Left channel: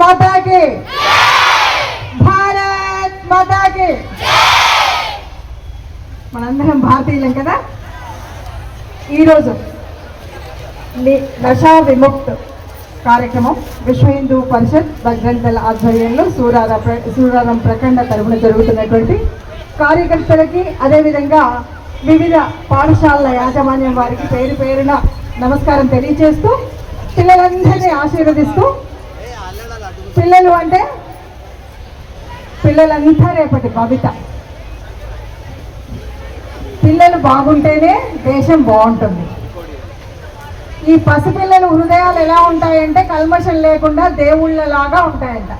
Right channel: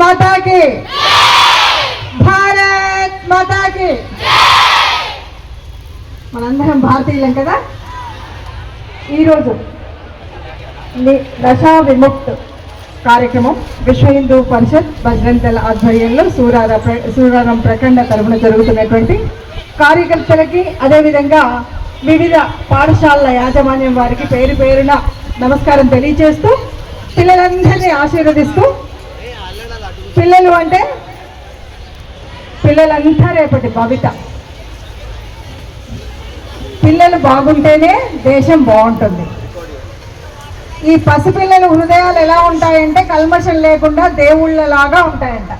మాతాకి. భారత్ మాతాకి. మనందరం భారతీయులం కదా? ఈరోజు ని- విముక్త్ కార్యక్రమం విశ్వ హిందూ పరిషత్ భద్రంతల ఆధ్వర్యంలో సూరార ప్ర- సూరారం ప్రఖండ తరఫున జరుగుతున్నటువంటి కార్యకర్తలకి అదేవిధంగా వివిధ పాఠశాలల యాజమాన్యం వారికి పేరు పేరున నమస్కారం తెలియజేస్తూ పిల్లలందరినీ ఆశీర్వదిస్తూ పిల్లలు అంటే పిల్లలంతా రేపటి భవిత పిల్లలు బాగుంటేనే దేశం బాగుంటుంది. ఈ పసిపిల్లల హృదయాలు ఎలా ఉంటాయంటే కల్మషం లేకుండా దేవుళ్ళలాగా ఉంటాయంట.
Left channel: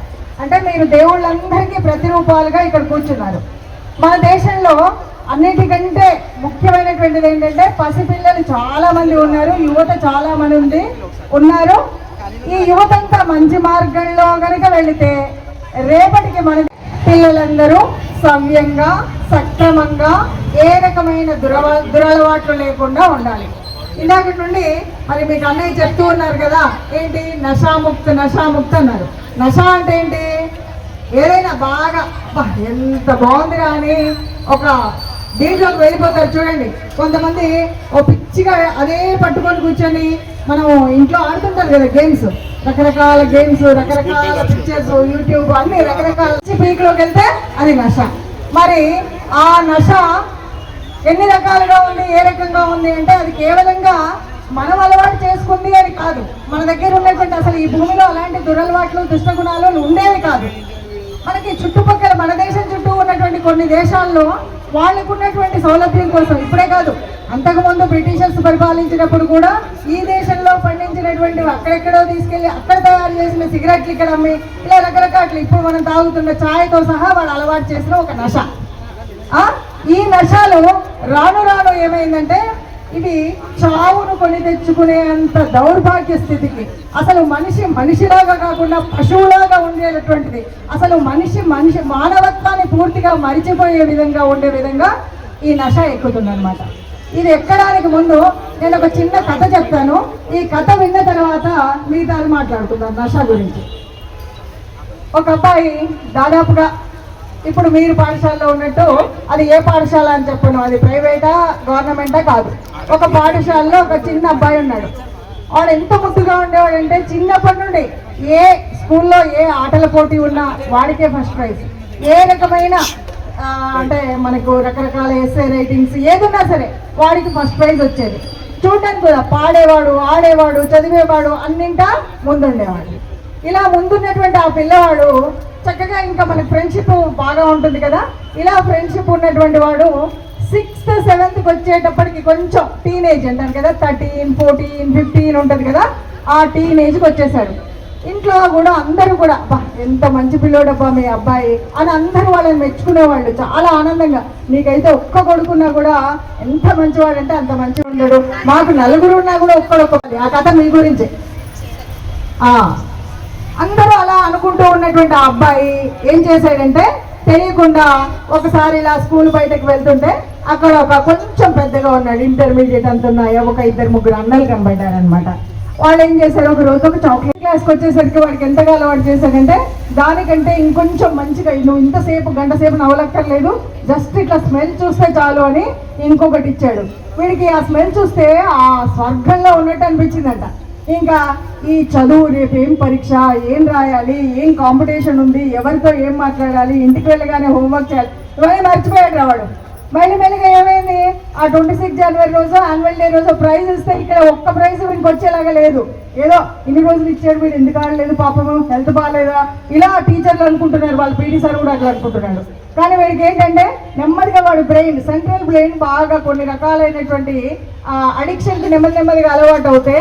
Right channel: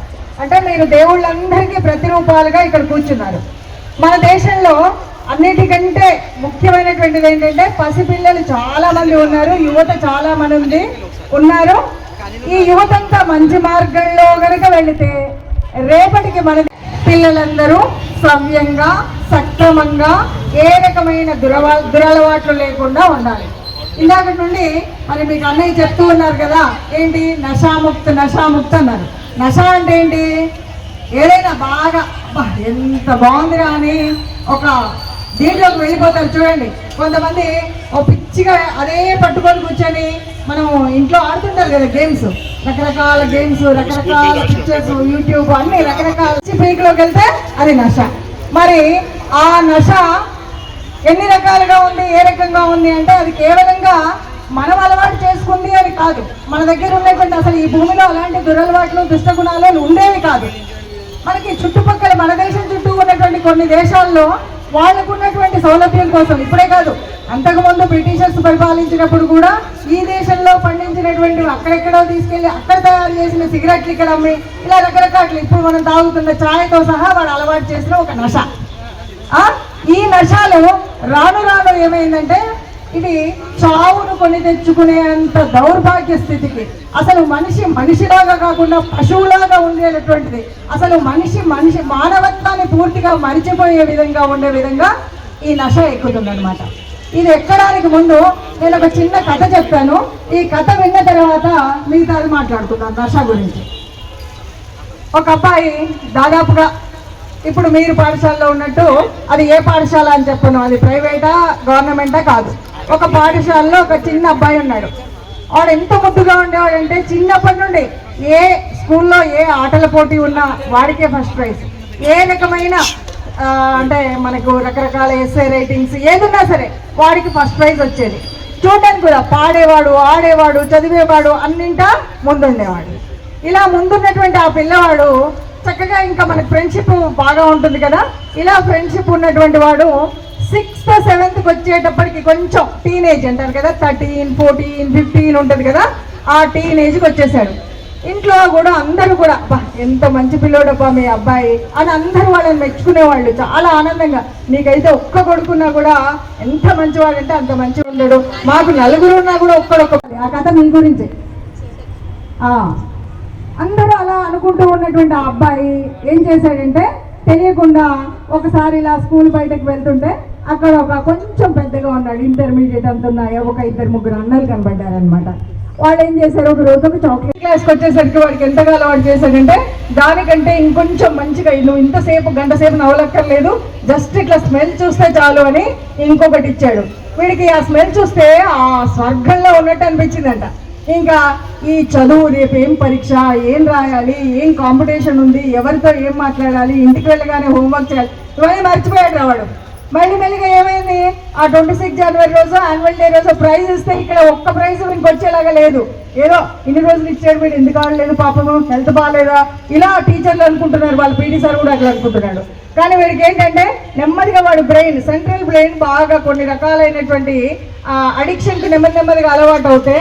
అంటే మీరు దేవుళ్ళందరికీ ప్రతిరూపాలుగా ఇక్కడ కూర్చున్నారు. మన దేశంలో అన్నిటికంటే ముఖ్యమైనటువంటిది ఏంటంటే పసిపిల్లలు చాలా మంది ఉన్నారు యువత చాలా మంది ఉంది ఉన్నారు. ఈ యువతంతా మంచి మార్గంలో కనుక వెళితే రేపటికి మన పిల్లలందరూ సవ్యంగా సక్రమంగా ఏ రకమైన దురవ దురలవాట్లు లేకుండా ఉండాలి. ఇందాక నుండి మరి మీకు అన్నయ్య చెప్తూ ఉన్నారు కదా ఏంటి? నషాముక్త నషాముక్త అన్నారు. నష అంటే ఏంటి? ఏదైనా బాగా "అబ్బా, ఎంత బాగుందిరా అని ఒక దీంట్లోకి వెళ్ళిపోతారు చూడండి. కొంతమంది ఓ పిచ్చిగా అదే పట్టుకొని కూర్చొని మనం ఇంట్లో ఆడుతుంటారు కదా గేమ్స్ రకరకాల గేమ్స్ రకరకాల పిక్చర్స్ యూట్యూబ్ అన్ని రకరకాల పీక్లోకి వెళ్తే అది నష. మరి ఆ నష ఎన్ని రకాలుగా ఉంది ఏ రకంగా ఉంది అంటే అది కేవలంగా మనం అలవాటు చేసుకుంది అని కాదు. మన దగ్గర ఉన్నటువంటి అసలు ఈ భూమిలో అలాంటి దురలవాట్లు దుష్టగుణాలు ఉండేవి కాదు. మనకి చుట్టుపక్కల మన దేశం చుట్టూ ఉన్నటువంటి కొన్ని దేశాల్లో వాళ్ళకు ఉన్నటువంటి సౌలభ్యం కోసం. ఇప్పుడే కాదు అంతకుముందు బ్రిటిషర్స్ పరిపాలించినప్పుడు కూడా ఈ దేశంలో పండించినటువంటి అక్కడెక్కడో తీసుకెళ్ళి అక్కడ తయారు చేసిన సిగరెట్లు ఇక్కడ అమ్మి ఇలా రకరకాలు ఇప్పుడు మనం తాగుతున్న ఛాయ్తో సహా వాళ్ళు అలవాటు చేసిన ఒక నష. ఈ నషాలు రాను రాను ఏమైందంటే ఇది చావును కొని తెచ్చుకునేంత దౌర్భాగ్య స్థితికి. అసలు మనిషి మనిషిలాగా కాకుండా పశువులాగా ఉండేటటువంటిది. అసలు మనిషి మనిషి మానవత్వాన్ని పూర్తిగా మరిచిపోయే విధంగా ఉండే విధంగా ఈ నష ఎక్కుతుందనమాట ఇది ఎక్కడానికి ముందు నేను ఒక చిన్న కథ చెప్తాను ఈ కథ విన్న తర్వాత మిగతాది మాట్లాడుకుందాం నష గురించి. ఒక అబ్బాయి దాదాపుగా ఇప్పుడు మీరు పాఠశాలలో ఉన్నట్టు అది ఏ పాఠశాల అని చెప్పను అది ప్రైవేటా గవర్నమెంటా కాదు. ఒక పాఠశాలలో ఒక చిన్న అబ్బాయి ఉన్నాడు. వాడు ఎంత ముద్దుగా ఉండేవాడంటే చిన్నప్పటి నుండి ఏ స్కూల్లో ఏ ఆటల పోటీ ఉన్నా వాడికే ఫస్ట్ ప్రైజ్. ఏ రకమైన అంటే మనకు రకరకాల ఎస్ఏ రైటింగ్స్ ఏదున్నా సరే వాడికి ఫస్ట్ ప్రైజ్ వచ్చేది. చూడడానికి కూడా పాడేవాడు ఆడేవాడు చదివేవాడు అన్నింటా ముందుండేవాడు. ఇలా ముందున్నటువంటి ఆ పిల్లవాడు చక్కగా ఇంకా మనకి ఫ్రెండ్షిప్ బాగా ఉంటుంది కదా. ఇలా ఫ్రెండ్షిప్ ఉన్నటువంటి వాడు సిక్స్త్ సెవెంత్కి వచ్చేటప్పటికి కొంచెం టీనేజ్ అంటారు కదా థర్టీన్ ఫోర్టీన్ ఫిఫ్టీన్ ఉంటుంది కదా ఆ టీనేజ్కి వచ్చేసాడు. ఇంట్లో కూడా అందరూ కూడా "అబ్బా, ఎంత మంచి పిల్లోడబ్బా మీ అబ్బాయి అని అందరూ వాళ్ళని మెచ్చుకునేవాళ్ళు. చాలా ఆనందంగా. నీకైతే ఒక్క కొడుకున్నా కూడా ఎంత మంచివాడంటే అంత మంచిగా ఉండడు మాకు నలుగురు ఉన్నా కూడా ఒక్కడొక్క ఆ కథ మీ గురించే. ఆ, అందరూ అలా అనుకుంటూ ఉన్నటువంటి ఆ అబ్బాయి ఏం చేశాడంటే తెలియకుండా ఒకసారి ఇలా స్కూల్ బయటకు వెళ్తుంటే అక్కడ ఒక కొంచెం పెద్దగా ఉన్నాడు ఇంటర్మీడియట్ అంత ఉన్నాయా ఒక ఇద్దరు ముగ్గురు అన్నలు కనబడ్డారనమాట వాళ్ళు ఏం చేశారు? ఒక రోజు ఒక చాక్లెట్ క్లాస్కి వచ్చేసరికి వాడికి ఎంతగా అలవాటు చేశాడంటే దానికంటే ఇంకొంచెం మంచిగా నువ్వు ఇంతసేపు గంట సేపు నవ్వలక్కర్లేదు. జస్ట్ ఇట్లా స్మెల్ చూస్తే చాలు అని ఇంకొకటి ఇచ్చాడు. వీడికి ఆ స్మెల్ చూస్తే ఆ స్వర్గంలో ఉన్నట్టు అనిపించిందంట. ఇంకా ఈ చదువు రేపు ఏం పరీక్ష ఏం రాయాలి ఏం కాంపిటీషన్ ఉంది ఎవరితో ఏం మాట్లాడాలి ఇంటికి వెళ్ళగానే హోంవర్క్ చేయాలి ఇవన్నీ మర్చిపోయాడు రావాడు మళ్ళీ మెల్లిగా ఏమైంది? ఆ ట్వంటీ సిక్స్ జనవరి రోజు యాన్యువల్ డే రోజు ప్రైజ్ ఇస్తే ఇక్కడ ఒక్క ప్రైజ్ మీకు వచ్చేలాగా లేదు. ఏదో ఇన్ని రోజులు ఇచ్చాడు వీడు ఎందుకు ఆడలేదు పాపము? హెల్త్ బాగాలేదా? ఇలా టీచర్లు అనుకుంటున్నారు వాళ్ళు పీటీ సార్ కూడా అట్లా అనుకుంటున్నాడు. కానీ వీడికి ఏంటంటే నెమ్మదిగా వాడు బ్రెయిన్ సెంట్రల్ బ్రెయిన్ బాగా కొన్ని రకాలైనటువంటి అడిక్షన్కి నెమ్మది నెమ్మదిగా అలవాటు అవుతే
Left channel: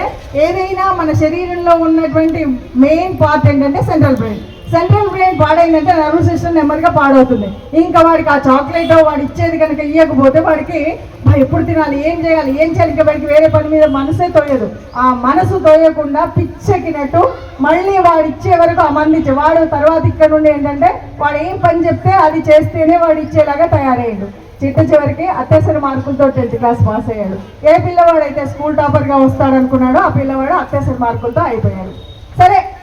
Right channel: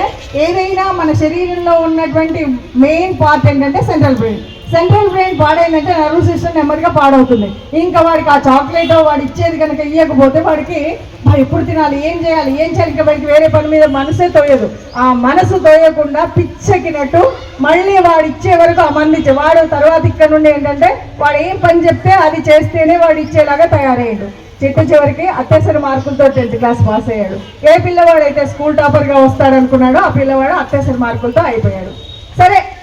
ఏదైనా మన శరీరంలో ఉన్నటువంటి మెయిన్ పార్ట్ ఏంటంటే సెంట్రల్ బ్రెయిన్ సెంట్రల్ బ్రెయిన్ పాడైందంటే నర్వ్ సిస్టమ్ నెమ్మదిగా పాడవుతుంది. ఇంకా వాడికి ఆ చాక్లెట్ వాడు ఇచ్చేది కనుక ఇవ్వకపోతే వాడికి ఎప్పుడు తినాలి ఏం చేయాలి ఏం చేయాలి? ఇంకా వాడికి వేరే పని మీద మనసే తోయదు. ఆ మనసు తోయకుండా పిచ్చెక్కినట్టు మళ్ళీ వాడు ఇచ్చే వరకు ఆ మంది వాడు తర్వాత ఇక్కడ నుండి ఏంటంటే వాడు ఏం పని చెప్తే అది చేస్తేనే వాడు ఇచ్చేలాగా తయారయ్యాడు. చిట్ట చివరికి అత్యవసర మార్కులతో టెన్త్ క్లాస్ పాస్ అయ్యాడు. ఏ పిల్లవాడైతే స్కూల్ టాపర్గా వస్తాడనుకున్నాడో ఆ పిల్లవాడు అత్యవసర మార్కులతో అయిపోయాడు.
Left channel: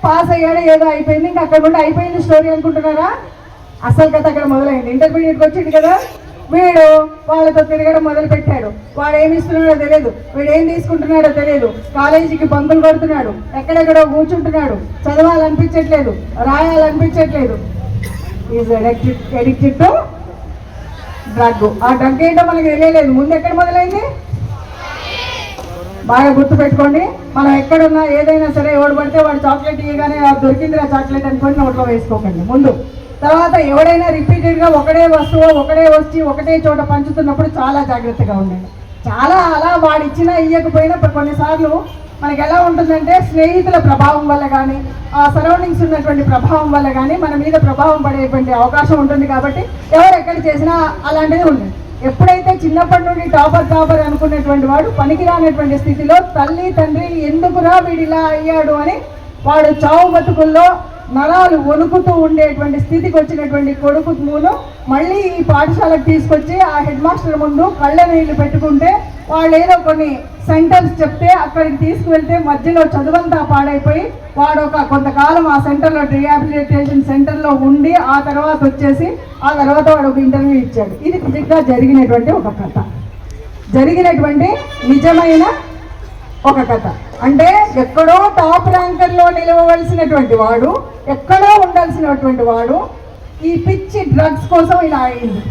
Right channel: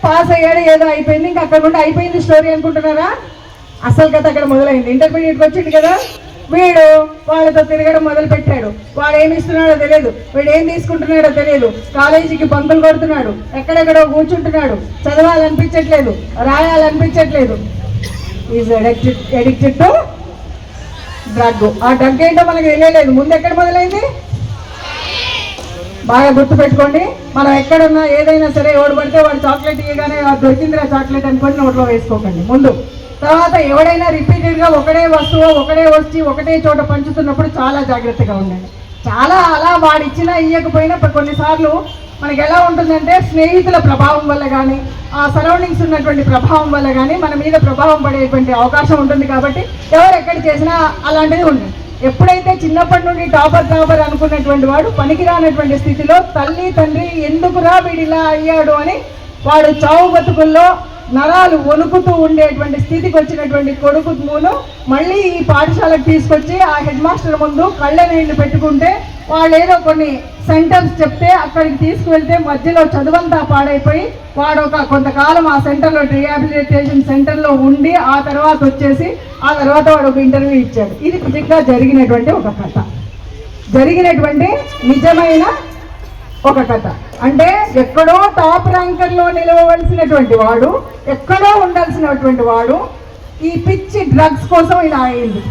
పాస్ అయ్యాడు ఏదో అయిపోయింది ఇంకా అక్కడ నుండి అయిపోయింది స్టోరీ అనుకుంటున్నారా? అసలు కథ అక్కడ మొదలైంది. ఇంటర్మీడియట్కి వచ్చింది కదా? వీడు వాళ్ళతో తిరగడం మొదలు పెట్టాడు వాడు ఏమి ఇస్తున్నాడో తెలియదు. వీడు ఏం తీసుకుంటున్నాడో తెలియదు. కాలేజీకి బంకులు కొడుతున్నాడు. ఎక్కడెక్కడో కూర్చుంటున్నాడు. చదవాలనిపించట్లేదు. రాయాలనిపించట్లేదు. ఈజ్ ఎడిక్టెడ్ టు డ్రగ్ ఆ డ్రగ్ ఏంటో మనకు తెలియలేదు. ముందు ఎక్కడ మొదలైంది? బాగా గుర్తు పెట్టుకోండి మనం ఎక్కడున్నా ఏదైనా సరే ఓడిపడితే వాడు చాక్లెట్ ఇవ్వగానే "ఆ, దొరికిందిరా చాక్లెట్ అనుకొని నోట్లో వేసుకోకండి. ముందు. తర్వాత ఎవడైనా రిపీటెడ్గా ఒకటే వస్తువు ఒకటే వచ్చి ఒకటే చోట పంచుతున్నప్పుడు చాలా జాగ్రత్తగా ఉండండి. చాలా అలా వాడు ఇచ్చినా ఇవ్వకపోయినా కొన్నిసార్లు మనకి ఎలా ఉంటుందంటే స్నేహితుల ప్రభావం వల్ల కానీ ఆ సరౌండింగ్స్ ఉన్నటువంటి ప్రభావం వల్ల కానీ మన మీద ప్రభావం పడేటువంటి అవకాశం ఉంటుంది కాబట్టి ఎవరు ఎక్కడ చేసినా అలాంటిది ఉంటుంది ఎప్పుడైతే చిన్నప్పటి నుండి టాపర్ టాపర్ అనుకున్నటువంటి వాడు పనికిరానటువంటి స్థితిలో తల్లి తండ్రి ఎందుకురా వీడిలా అయ్యాడు అని వాడు చావు బతుకుల్లో నరాలు వణుకుతూ ఉండేటువంటి స్థితికి వచ్చినటువంటి కొడుకు మూలు మళ్ళీ ఈ పాఠశాలకు తీసుకొచ్చి ఆ హెడ్ మాస్టర్ ముందు కళ్ళ నీళ్ళు పెట్టుకుంటే వాళ్ళు ఏదో కొన్ని సెంటర్స్ చెప్తే అక్కడికి తీసుకువెళ్తే మధ్యలో చదువంతా పాడైపోయి వాడు ఒక కొంతకాలం ఆ సెంటర్లో రిహాబిలిటేషన్ సెంటర్లో ఉండి ఆ తర్వాత వచ్చేసి ఆ తర్వాత వాడు ఒక ఇంటర్వ్యూ ఇచ్చాడు. ఇది నిజంగా జరిగినటువంటి ఒక కథ. జరిగినటువంటి నిజమైన ఒక కథ. అంటే ఎక్కడో టాప్ ర్యాంకర్లో నిలవవలసినటువంటి వాడు ఎక్కడో ఉండాల్సినటువంటి వాడు ఈ పిచ్చి డ్రగ్స్ కోసం ఇలా అయింది.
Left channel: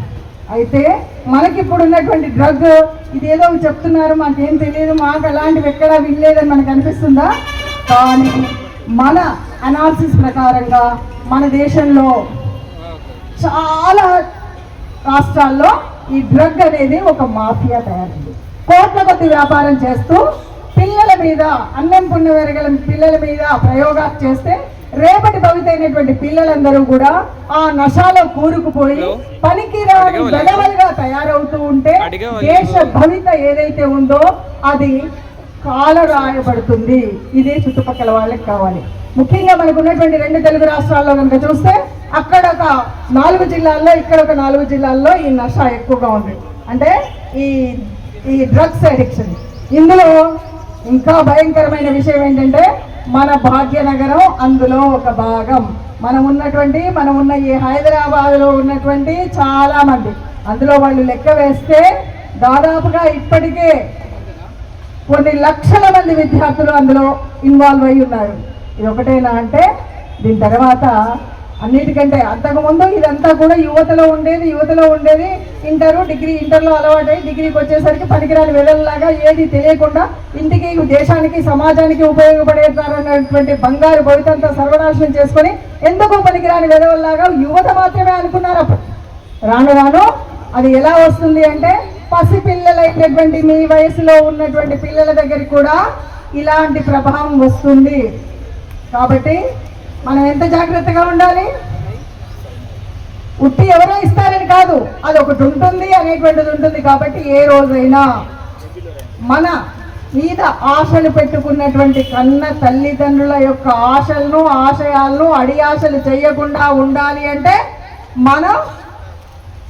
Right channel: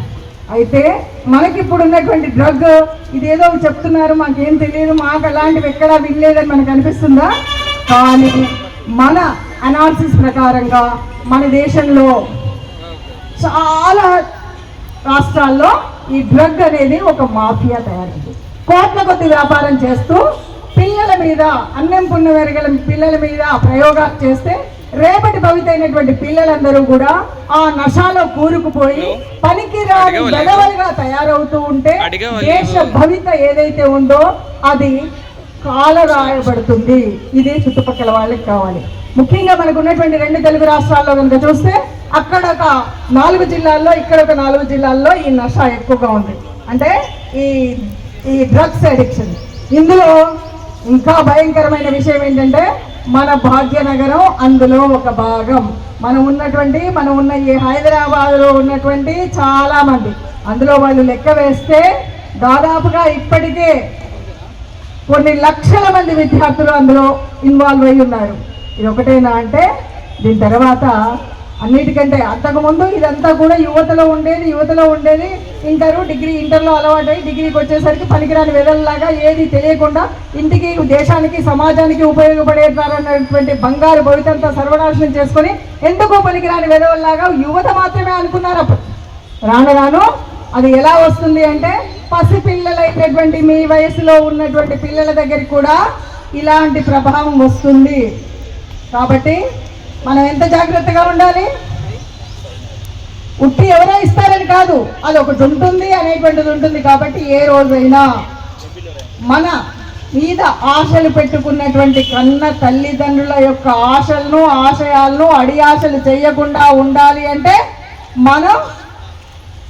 అయితే మనకి ఇప్పుడు ఉన్నటువంటి డ్రగ్ ఇదేదో చెప్తున్నారు మాకేం తెలియదు మాకు అలాంటివి ఎక్కడా వినలేదని మనకు అనిపిస్తుందా? కానీ మన అనాలిసిస్ ప్రకారంగా మన దేశంలో చాలా రాష్ట్రాల్లో ఈ డ్రగ్ అనేది ఒక మాఫియా తయారైంది. కోట్ల కొద్ది వ్యాపారం చేస్తూ పిల్లల మీద అన్నం పుణ్యమెరగల పిల్లల మీద ప్రయోగాలు చేస్తే రేపటి భవిత అయినటువంటి పిల్లలందరూ కూడా ఆ నశాలో కూరుకుపోయి పనికిరాని గెలవలుగా తయారవుతూ ఉంటే. దేశ భవిత ఏదైతే ఉందో అది కాలరాయబడుతుంది. ఇదే చుట్టుపక్కల వాళ్ళకి కావాలి. ముఖ్యంగా మనకు ఉన్నటువంటి రెండు తెలుగు రాష్ట్రాల్లో కనుక చూస్తే అక్కడ ఒక నాలుగు జిల్లాల్లో ఇక్కడ ఒక నాలుగు జిల్లాల్లో ఈ నష ఎక్కువగా ఉంది. అంటే ఈ ఈ డ్రగ్స్ అడిక్షన్. ఇందులో ఇంకా భయంకరమైన విషయం ఏంటంటే మన భాగ్యనగరం అందులో ఒక భాగం. మనం ఉన్నటువంటి మనం ఉన్న ఈ హైదరాబాద్లో ఉన్నటువంటి చాలామంది అందులో వాళ్ళు లెక్క వేస్తే దాదాపుగా ఇప్పటికే కొన్ని లక్షల మంది విద్యార్థులు అందులో ఇన్వాల్వ్ అయి ఉన్నారు. ఇది ఒకటేనా అంటే దీని తర్వాత అన్నిటికంటే అంతకుముందు ఇదంతా కూడా యువతలో ఉండేది యువతలో ఉండేది. ఇంటరు డిగ్రీ ఇంటర్లో అలవాటై డిగ్రీకి వచ్చేసరికి పనికిరాని వెదల్లాగా ఏది తెలియకుండా ఇంటికి దేశానికి సమాజానికి ఉపయోగపడేటారన్నటువంటి బంగారు భవితంతా సర్వనాశనం చేసుకొని ఎందుకు పనికిరాని వెదవల్లాగా యువత మాత్రమే అనుకున్నారు అప్పుడు. రాను రాను అది ఎలా వస్తుంది అంటే పసిపిల్లలైనటువంటి మీ వయసులో ఉన్నటువంటి పిల్లల దగ్గరికి కూడా ఇలాంటి ప్రభావం వస్తుంది. కాబట్టి మనం ఎంత జాగ్రత్తగా ఉండాలి? ఉట్టి ఎవరో ఇస్తారని కాదు అది ఒకటి ఉంటుంది అనేటువంటిది ఉంటుంది కాబట్టి ఏ రోజైనా మన మీద ఆశలు పెట్టుకున్నటువంటి కన్న తల్లిదండ్రుల యొక్క ఆశలను ఆశయాలను అడి ఆశలు చేయకుండా ఉండాలి అంటే మనం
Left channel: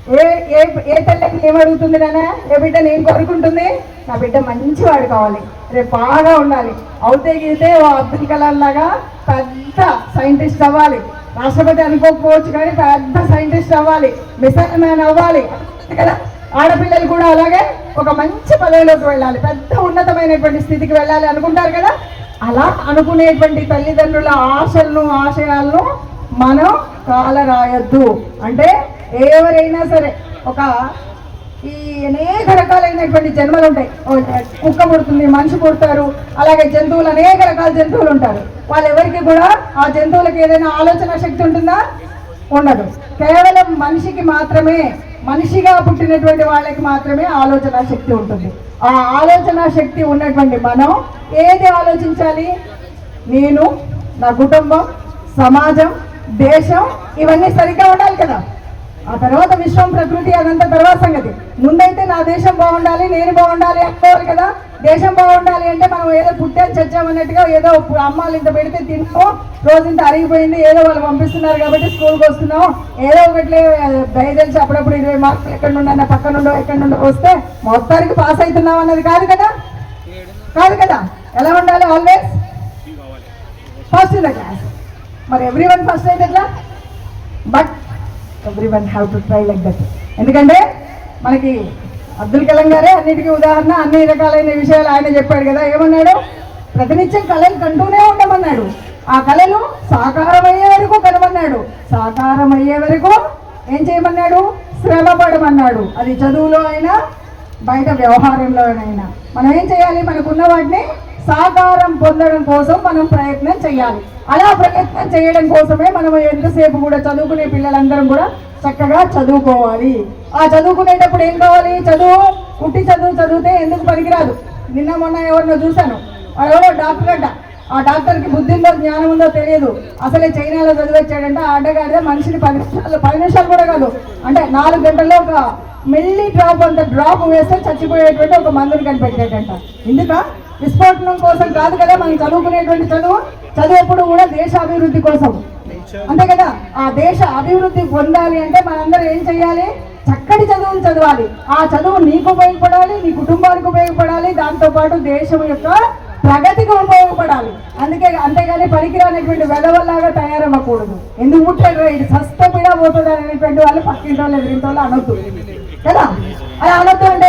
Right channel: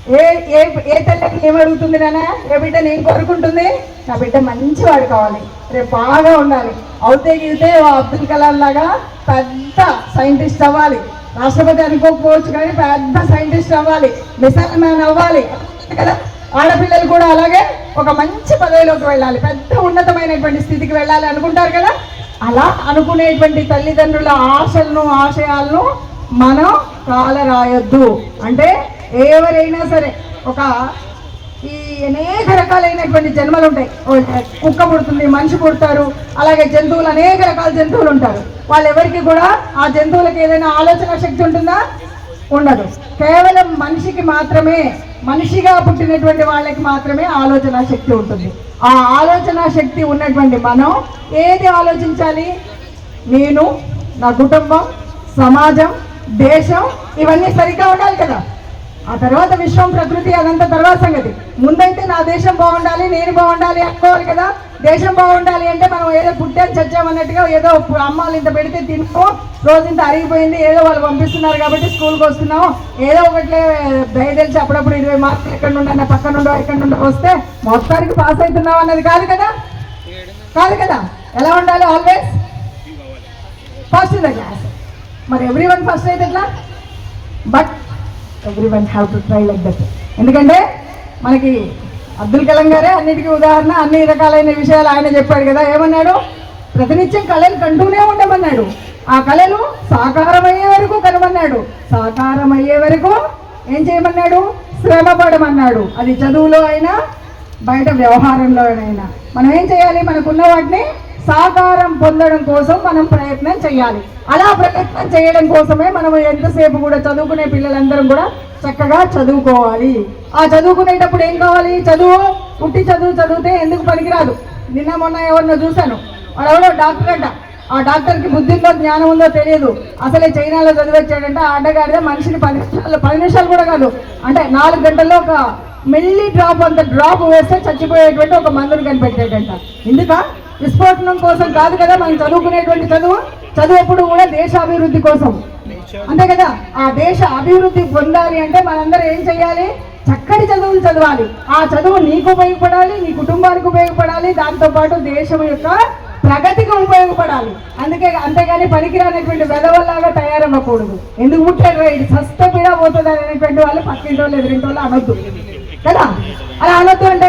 ఏ ఏ ఏ తల్లికి ఏమడుగుతుంది నాన్న? ఏ బిడ్డ నేను కోరుకుంటుంది? నా బిడ్డ మంచివాడు కావాలి. రేపు బాగా ఉండాలి. అవుతే గీతే అబ్దుల్ కలాం లాగా పెద్ద సైంటిస్ట్ అవ్వాలి. రాష్ట్రపతి అనుకోకపోవచ్చు కానీ పెద్ద సైంటిస్ట్ అవ్వాలి. మిసైల్ మ్యాన్ అవ్వాలి. కదా? ఆడపిల్లలు కూడా అలాగే ఒక మంచి పదవిలోకి వెళ్ళాలి. పెద్ద ఉన్నతమైనటువంటి స్థితికి వెళ్ళాలి అనుకుంటారు కదా? అలా అనుకునేటువంటి తల్లిదండ్రుల ఆశలను ఆశయాలను మనం కాలరాయొద్దు. అంటే ఎవరైనా సరే ఒక ఈ అనేక రకాలైనటువంటి జన్మలు ఉంటాయి. కుక్క పుడుతుంది మనిషి పుడతారు అలాగే జంతువులు అనేక రకాల జంతువులు ఉంటారు. వాళ్ళెవరికి కూడా ఆ జంతువులకు ఏదైనా ఆలోచన శక్తి ఉంటుందా? ఉండదు. కేవలం మనిషికి మాత్రమే మనిషిగా పుట్టినటువంటి వాళ్ళకి మాత్రమే ఆలోచన శక్తి ఉంటుంది. ఆ ఆలోచన శక్తి ఉన్నటువంటి మనం ఏది ఆలోచించాలి? నేను నా కుటుంబం సమాజం దేశం ఇవన్నీ సరిగ్గా ఉండాలి కదా. ఆ తర్వాత విశ్వం ప్రకృతి అదంతా తర్వాత సంగతి. ముందైతే నా దేశం బాగుండాలి నేను బాగుండాలి అనుకోవాలి కదా. దేశం బాగుండాలి అంటే మనం ఏదో పుట్టాం చచ్చాం అన్నట్టుగా ఏదో అమ్మాలు ఇంత పెడితే తినుకో రోజు ఇంత అరిగిపోయింది ఏదో వాళ్ళు పంపిస్తున్నారు కాబట్టి స్కూల్కి వస్తున్నాం. ఏదో ఒకట్లే దయదలిచి అప్పుడప్పుడు ఇరవై మార్కులు ఎక్కడ నుండి పక్కన నుండో ఎక్కడ నుండో వస్తే మొత్తానికి పాస్ అవుతున్నాం అన్నది కాదు కదా? కాదు కదా? ఎలా ఉండాలి always first in the class మరి ఎవ్రీ వన్ ఫస్ట్ అయితే ఎట్లా? But everyone have to try like that ఎందుకంటే మనకి అబ్దుల్ కలాం గారే అన్నిటికీ ఉదాహరణ అన్ని రకాలైన విషయాలు ఆయన చెప్పాడు కదా. ఏమన్నాడు? ప్రతినిత్యం కళలు కంటూనే ఉండమన్నాడు. ఆ కళలు సాకారమయ్యే వరకు కనుమన్నాడు సాకారమయ్యే వరకు ఏం చేయమన్నాడు? శ్రమ పడమన్నాడు. అది చదువులో అయినా బయట వ్యవహారంలో అయినా. మనం ఏం చేయాలి? మనకున్న వాటిని సాకారం పొందడం కోసం మనం ప్రయత్నం చేయాలి. అలా ప్రయత్నం చేయడం కోసమే మనం ఎంతసేపు కూడా చదువుకునే పిల్లలందరం కూడా చక్కగా చదువుకోవాలి. ఆ చదువుకునేటప్పుడు ఏం కావాలి? చదువు. పుట్టి చదువు చదివితే ఎందుకు పనికిరాదు? నిన్న మొన్న ఎవరినో చూశాను. వాడెవడో డాక్టర్ అంట. ఆ డాక్టర్కి బుద్ధి ఉందో జ్ఞానం ఉందో తెలియదు. అసలే చైనాలో చదివచ్చాడంటే. ఆ అడ్డగాడిదే మనిషిని పది నిమిషాలు పది నిమిషాలు కూడా కాదు. అంటే నాలుగు గంటల్లో ఒక మెల్లి డ్రాప్ అంత డ్రాప్ వేస్తే చచ్చిపోయేటువంటి ఒక మందుని కనిపెట్టాడంట. ఎందుక? విస్ఫోటనం కోసం కాదు కదా మనం చదువుకునేటువంటి చదువు? చదువు ఎప్పుడు కూడా దేశ అభివృద్ధి కోసం. అంతే కదా? ఆ దేశ అభివృద్ధి పొందాలి అంటే మనందరం ఏం చేయాలి చక్కటి చదువులు చదవాలి. ఆ చదువు నీకు ఉపయోగపడాలి నీ కుటుంబానికి ఉపయోగపడాలి దాంతో పాటు దేశం యొక్క ప్రగతికి ఉపయోగపడాలి. అందుకే అంతేగాని పనికిరానటువంటి వెదవల్లాగా తయారవ్వకూడదు. ఎందుకు పుట్టారు? ఇది సస్త పీడ పోతుంది అనేటువంటి వాళ్ళు పక్కింటి వాళ్ళు ఎదురింటి వాళ్ళు అనొద్దు. కదా? అలా అనొద్దు అంటే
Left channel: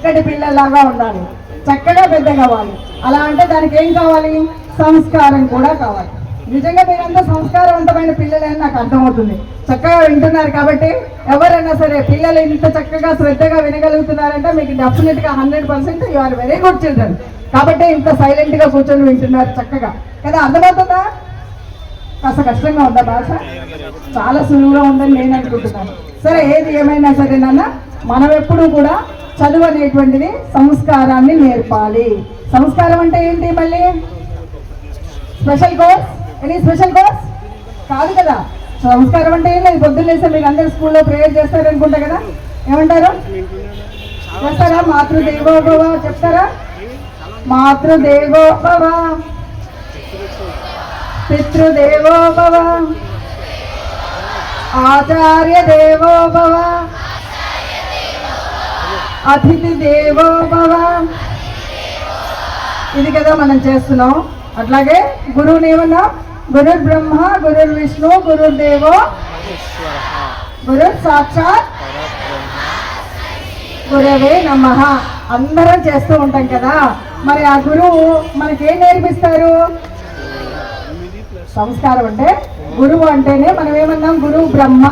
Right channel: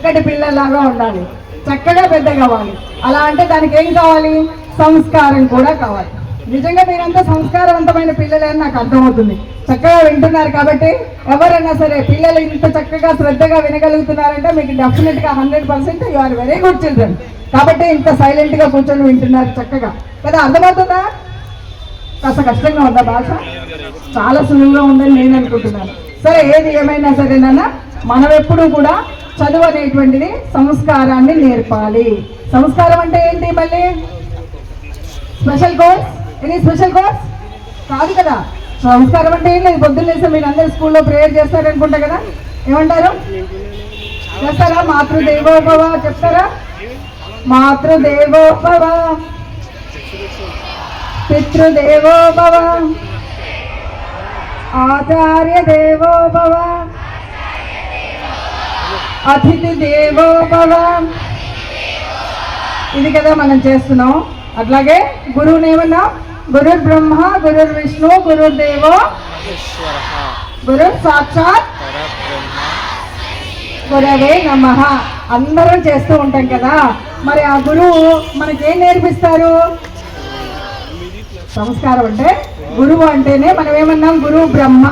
చక్కటి పిల్లలాగా ఉండాలి. చక్కగా పెద్ద కావాలి అలా అంటే దానికి ఏం కావాలి? సంస్కారం కూడా కావాలి. నిజంగా మీరంతా సంస్కారవంతమైన పిల్లలే అని నాకు అర్థమవుతుంది. చక్కగా వింటున్నారు కాబట్టి ఎవరైనా సరే పిల్లలు ఇంత చక్కగా శ్రద్ధగా వినగలుగుతున్నారంటే మీకు డెఫినెట్గా hundred percent you are very good children కాబట్టి ఇంత సైలెంట్గా కూర్చొని వింటున్నారు చక్కగా. కదా అర్థమవుతుందా? కాస్త కష్టంగా ఉందా భాష చాలా సులువుగా ఉందని నేను అనుకుంటున్నాను. సరే ఏది ఏమైనా సరే నాన్న మనం ఎప్పుడూ కూడా చదువు అనేటువంటిది సంస్కారాన్ని నేర్పాలి. సంస్కారం అంటే ఏంటి మళ్ళీ? Special course? Any special course? కాదు కదా. సంస్కారం అంటే ఏం లేదు పొద్దున్న లేస్తే మీరు అందరు స్కూల్లో ప్రేయర్ చేస్తారనుకుంటా కదా. ఏమంటారు? చేస్తారా? మాతృదేవోభవ చెప్తారా? మాతృదేవోభవ పితృదేవోభవ ఆచార్య దేవోభవ అతిథి దేవో భవ. ఇది కదా మనం చేస్తున్నాం. అట్లాగే గురువుని ఏమన్నా గురు బ్రహ్మ గురు విష్ణు గురుదేవో దేవో గురు సాక్షాత్ గురవే నమ. అందరం చేస్తూ ఉంటాం కదా. మరి ఆ గురువు మనకి ఏం నేర్పిస్తారు? సంస్కారం అంటే గురువు అంటేనే మనం ఏమన్నాం గురువు బ్రహ్మ.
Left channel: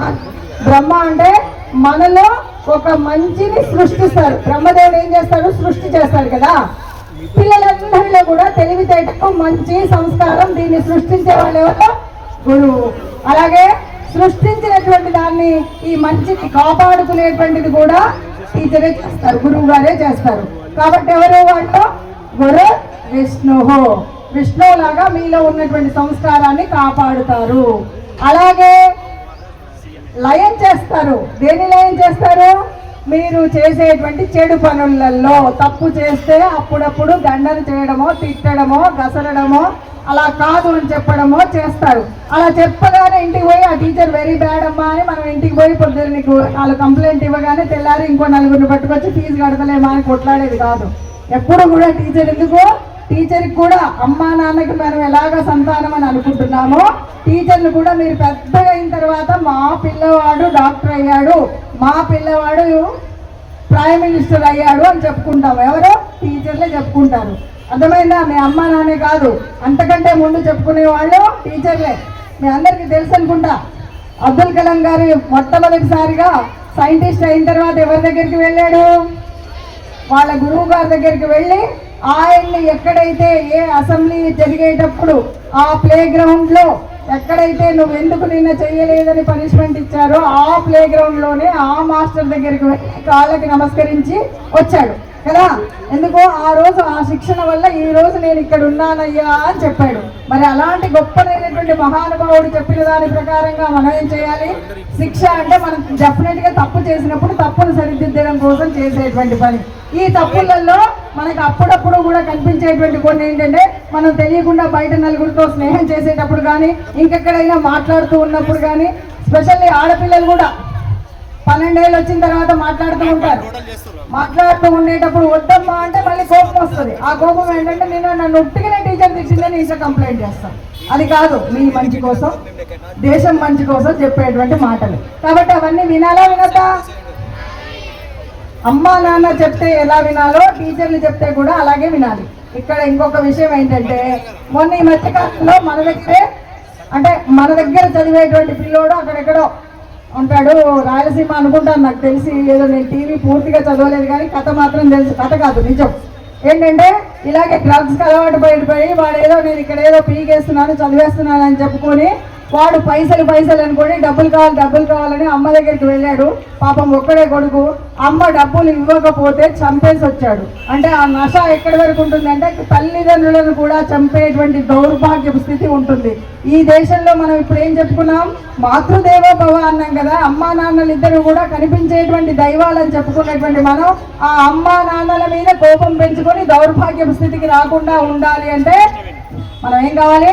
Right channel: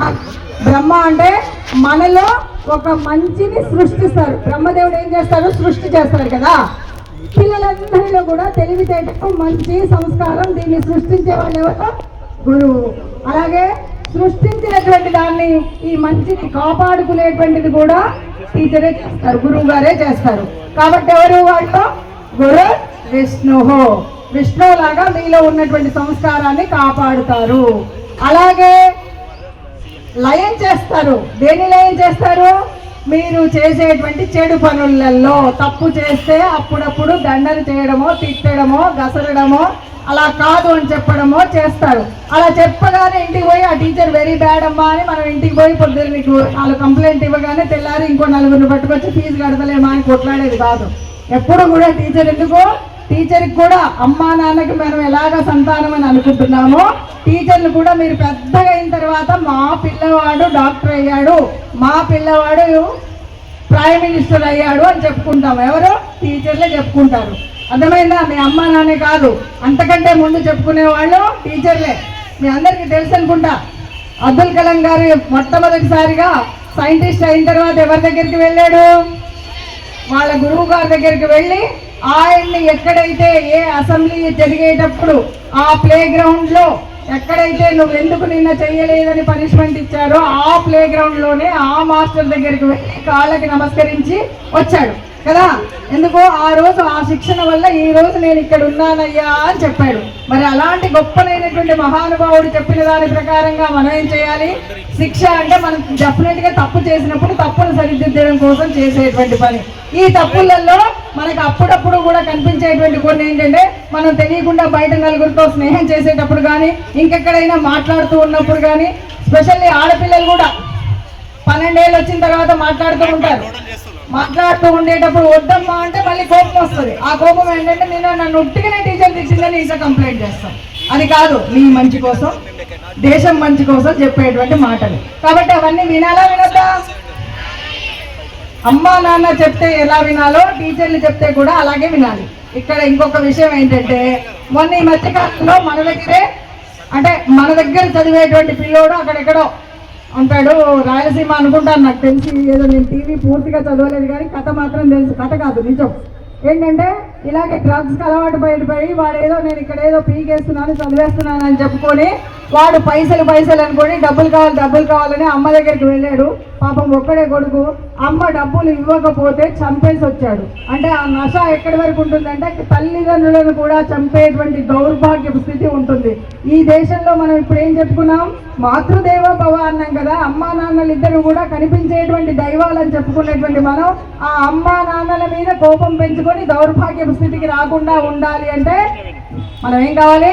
బ్రహ్మ అంటే మనలో ఒక మంచిని సృష్టిస్తారు. బ్రహ్మదేవుడు ఏం చేస్తాడు? సృష్టి చేస్తాడు కదా. పిల్లలందరిలో కూడా తెలివితేటకు మంచి సంస్కారం దీన్ని సృష్టించే వాళ్ళు గురువు. అలాగే సృష్టించినటువంటి దాన్ని ఈ మంచికి కాపాడుకునేటువంటిది కూడా టీచరే చేస్తారు. గురువు గారే చేస్తారు. కాబట్టి ఎవరు వాళ్ళు గురు విష్ణు విష్ణువులాగా మీలో ఉన్నటువంటి సంస్కారాన్ని కాపాడుతారు. అలాగే లయం చేస్తారు. దేని లయం చేస్తారు? మీరు చేసేటువంటి చెడు పనులలో తప్పు చేస్తే అప్పుడప్పుడు దండలు చేయడమో తిట్టడమో గసరడమో అలా కాదు అని చెప్పడమో చేస్తారు. అలా చెప్పగానే ఇంటికి పోయి ఆ టీచర్ వెరీ బ్యాడ్ అమ్మా అని మనం ఇంటికి పోయి పొద్దున్న నీకు వాళ్ళు కంప్లైంట్ ఇవ్వగానే తెల్లారి ఇంకో నలుగురిని పట్టుకొచ్చి ఫీజు కడతలేమా అని కొట్లాడేది కాదు. ఎప్పుడు కూడా టీచర్ ఎందుకో? టీచర్కి కూడా అమ్మా నాన్నకి మనం ఎలాగ సంతానం అని అనుకుంటున్నామో టీచర్లు కూడా మీరు పెద్దగా అయిన తర్వాత మా పిల్లవాడు డాక్టర్ అయ్యాడు మా పిల్లవాడు ప్రైమ్ మినిస్టర్ అయ్యాడు అని చెప్పుకుంటాం ఎవరు? టీచర్లే చెప్పుకుంటారు. అర్థమైందా? మీ అమ్మ నాన్నే కాదు. అంతకంటే ముందు చెప్పుకునే వాళ్ళు టీచర్లే. మీ అందరికీ తెలుసు అనుకుంటా. అబ్దుల్ కలాం గారు మొట్టమొదటిసారిగా సైంటిస్ట్ అయిన తర్వాత ఎవరి దగ్గరికి వెళ్ళాడు? వాళ్ళ గురువు గారి దగ్గరికి వెళ్ళి ఆయన్ని ఎక్కడైతే ఏ అసెంబ్లీ జరిగేటప్పుడు ఆ ప్లే గ్రౌండ్లో ఎక్కడైతే నువ్వు ఎందుకు నిన్న చేయలేదని పనిష్మెంట్ ఇచ్చారో ఆ ప్లే గ్రౌండ్లోనే ఆ మాస్టర్ దగ్గరికి వెళ్ళి కాళ్ళకి నమస్కరించి వచ్చాడు. కదా ఎందుకో ఆ రోజు ఆ శిక్షణ వల్ల ఈ రోజు నేను ఇక్కడ ఉన్నానయ్యా అని చెప్పాడు. మరి అలాంటి గొప్పనైనటువంటి మహానుభావుడు చెప్పిన దాని ప్రకారంగా మనం ఏం చేయాలి? శిక్ష అంటే మనం డెఫినెట్గా తప్పు చేసినప్పుడు తప్పును సరిదిద్దడం కోసం చేసేటువంటి పని. ఈ తప్పులలో మనకు అప్పుడప్పుడు కూడా కనిపించేటువంటి కొన్ని ఏంటంటే మనం తెలియకుండా బయట నలుగురితో స్నేహం చేసేటప్పుడు కానీ ఇంకెక్కడైనా మాట్లాడుతూ ఉన్నప్పుడు కానీ స్పెషల్లీ ఆడపిల్లలు కూడా పన్నెండేళ్ళు వచ్చిన తర్వాత మాట్లాడుతూ ఉంటారు. మాట్లాడుతూ ఉండేటప్పుడు వద్దమ్మా అంటే మళ్ళీ కోపం వస్తుంది. ఆ కోపం ఏంటంటే నేను నన్ను ఒట్టిగానే టీచర్ తెచ్చిందని ఈసారి కంప్లైంట్ చేస్తాను అది కాదు మీ మంచి కోసం దేశం మంచి కోసం చెప్పేటువంటి మాటలు. కాబట్టి అవన్నీ వినాలా వినద్దా? అమ్మా నాన్న చెప్తే ఎలా వినాలో టీచర్లు చెప్తే కూడా అలాగే వినాలి. ఇక్కడ ఇంకొక విషయం ఏంటంటే మొన్న ఈ మధ్యకాలంలో మన దగ్గరే అంటే మన దగ్గర చదివేటువంటి పిల్లోడు అక్కడెక్కడో ఉంటాడు రాయలసీమ అనుకుంటాను నాకు తెలిసి ఏదో నేను టీవీ పూర్తిగా చదవలేదు కానీ కథ మాత్రం తెలుసు. కథ కాదు నిజం. ఏంటంటే ఇలాగే డ్రగ్స్కి అలవాటు పడిపోయి వాడు ఏదో నేను ఇక్కడ ఏదో పీకేస్తున్నాను చదివేస్తున్నాను అని చెప్పుకొని వాడు పైసలు పైసలు అనుకొని డబ్బులు కావాలి డబ్బులు కావాలని అమ్మ దగ్గరికి వెళ్ళాడు. పాపం ఒక్కడే కొడుకు. అమ్మ డబ్బులు ఇవ్వకపోతే చంపేసి వచ్చాడు. అంటే ఆ నశ ఎక్కడి వరకు ఉంటుందంటే తల్లిదండ్రులను కూడా చంపేటువంటి దౌర్భాగ్య స్థితి ఉంటుంది. ఈ దేశంలో మనం ఇప్పుడు ఏం చెప్పుకున్నాం? మాతృదేవ భవ అన్నాం కదా. అమ్మా నాన్నలు ఇద్దరు కూడా కనిపించేటువంటి దైవాలని చెప్పుకునేటువంటి మనం ఆ అమ్మా నాన్నల మీద కోపం పెంచుకొని దౌర్భాగ్య స్థితికి రాకుండా ఉండాలి అంటే మనం ఏం కావాలి?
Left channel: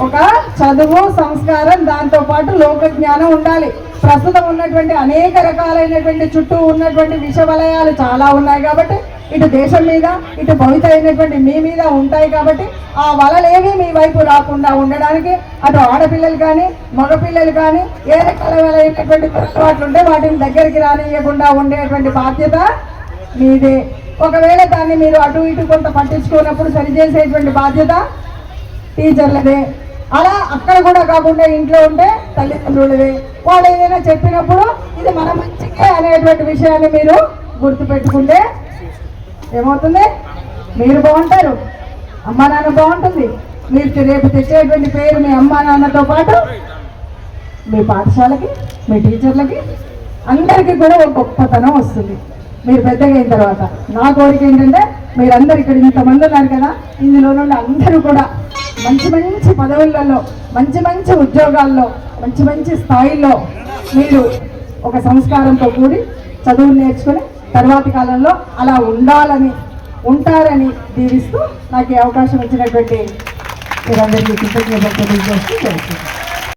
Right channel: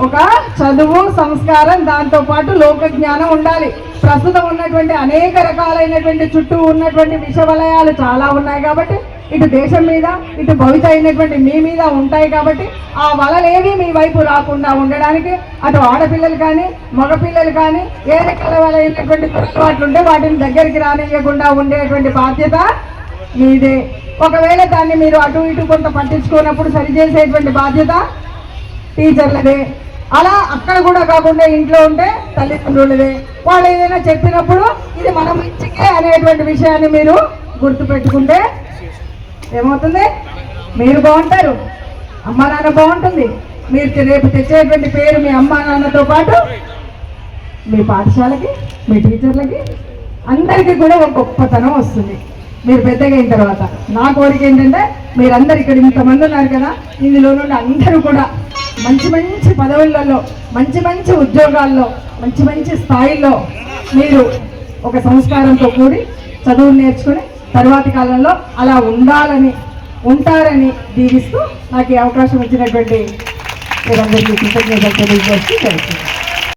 ఒక చదువు సంస్కారం దాంతో పాటు లోక జ్ఞానం ఉండాలి. ప్రస్తుతం ఉన్నటువంటి అనేక రకాలైనటువంటి చుట్టూ ఉన్నటువంటి విషవలయాలు చాలా ఉన్నాయి కాబట్టి ఇటు దేశం మీద ఇటు భవిత అయినటువంటి మీ మీద ఉంటాయి కాబట్టి ఆ వలలేవి మీ వైపు రాకుండా ఉండడానికి అటు ఆడపిల్లలు కానీ మగపిల్లలు కానీ ఏ రకాలైనటువంటి పొరపాట్లు ఉంటే వాటిని దగ్గరికి రానియకుండా ఉండేటువంటి బాధ్యత మీదే. ఒకవేళ దాన్ని మీరు అటు ఇటు కొంత పట్టించుకున్నప్పుడు సరిచేసేటువంటి బాధ్యత టీచర్లదే అలా అక్కడ కూడా కాకుండా ఇంట్లో ఉంటే తల్లిదండ్రులదే. వాళ్ళు ఏదైనా చెప్పినప్పుడు ఇది మన మంచికే అనేటువంటి విషయాన్ని మీరు గుర్తుపెట్టుకుంటే ఏమవుతుంది? మీరు బాగుంటారు. అమ్మ నాన్న బాగుంటుంది. మీరు రేపు తెచ్చేటువంటి పేరు మీ అమ్మా నాన్నతో పాటు మీ పాఠశాలకి మీ టీచర్లకి అందరికీ కూడా ఒక గొప్పతనం వస్తుంది. మీరు పెద్దగా అయిన తర్వాత. నా కోరిక ఏంటంటే మీరందరు ఇక్కడ ఇంతమంది ఉన్నారు కదా ఇందులో నుండి అందరూ కూడా మంచి మంచి పదవులలో మంచి మంచి ఉద్యోగాల్లో మంచి మంచి స్థాయిల్లో మీరు ఒక సంస్కారంతో కూడి చదువు నేర్చుకుని తర్వాతి కాలంలో అలా ఉండాలని ఉంటారని దీవిస్తూ నాకు ఈ అవకాశం ఇచ్చినటువంటి మీరందరికీ కృతజ్ఞతలు తెలియజేస్తూ జరుగుతుంది